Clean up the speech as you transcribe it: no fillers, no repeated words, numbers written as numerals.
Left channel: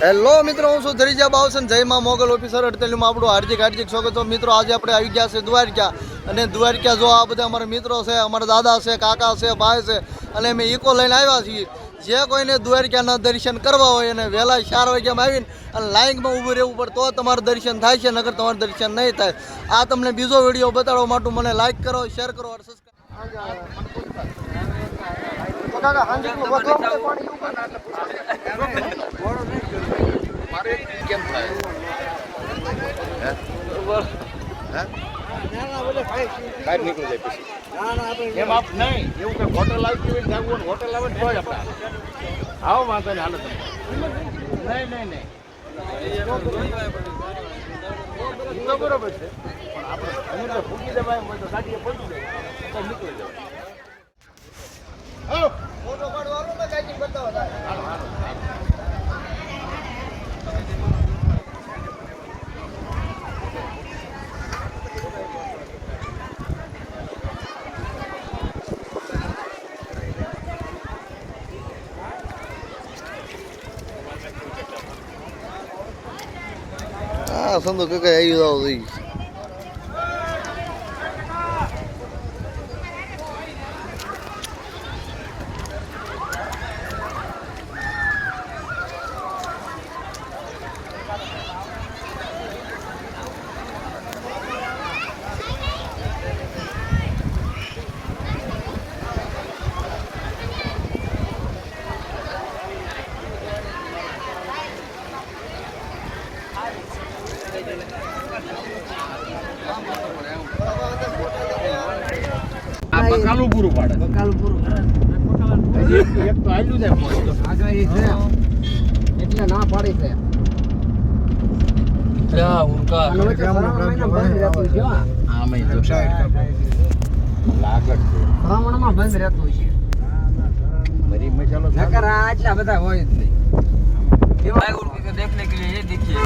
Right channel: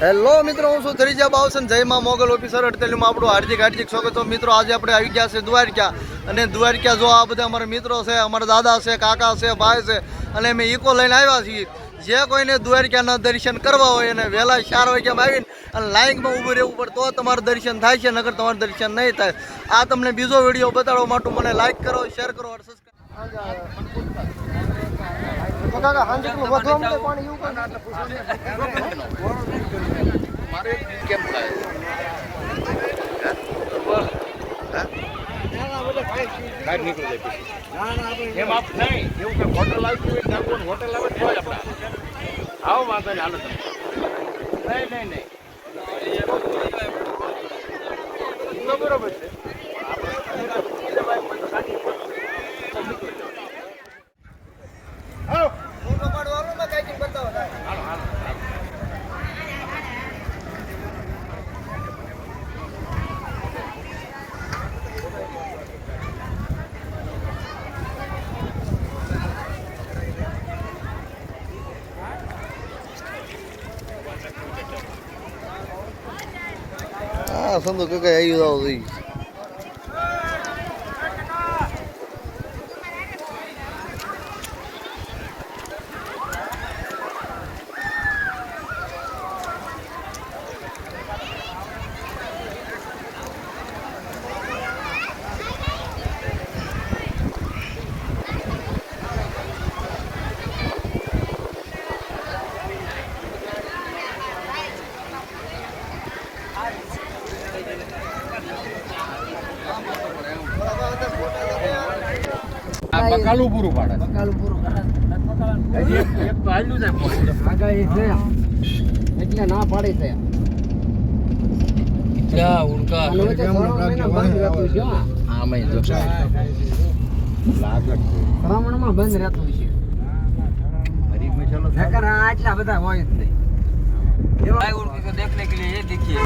Hello મિત્રો, હું છું ધરીજા બાવસન. જય માં મોગલ ઓફિસર અડતેલીમાં આપણું હાર્દિક સ્વાગત. તો મિત્રો આજે આપણે આવી ગયા છે દ્વારકા. અને દ્વારકા જો આ બધા અમારા મિત્રો છે, અમારા દાદા છે, કાકા છે, ભાઈ છે, અને અમે ઇકો લઈને આવ્યા છીએ. જે કોઈને દ્વારકાના દર્શન કરવા હોય અને વહેલા 4 વાગ્યામાં આવીને અને લાઈનમાં ઊભું રહેવું પડે તો તમારું દર્શન થાય છે, નકર તમારું દર્શન નહીં થાય. આ તમને બીજો વિડીયો બતાડવા માટે મને લાઈક કરો, શેર કરો અને હોટલ આવી હોટલ આવે તો જ આપણે આવો વાંધો નહીં. હાલો તમે નહીં બરોબર છે પણ હા સંતો કાકા આવી જાવ થઈ. બકાલું પૂરું પાડે. એક તો આલ્યું છે આગાહી છે એટલે ના પાડી છે. બંધ રહેતું છે. આટલા બધા હોય જ નહીં. देखने के लिए ये देखिए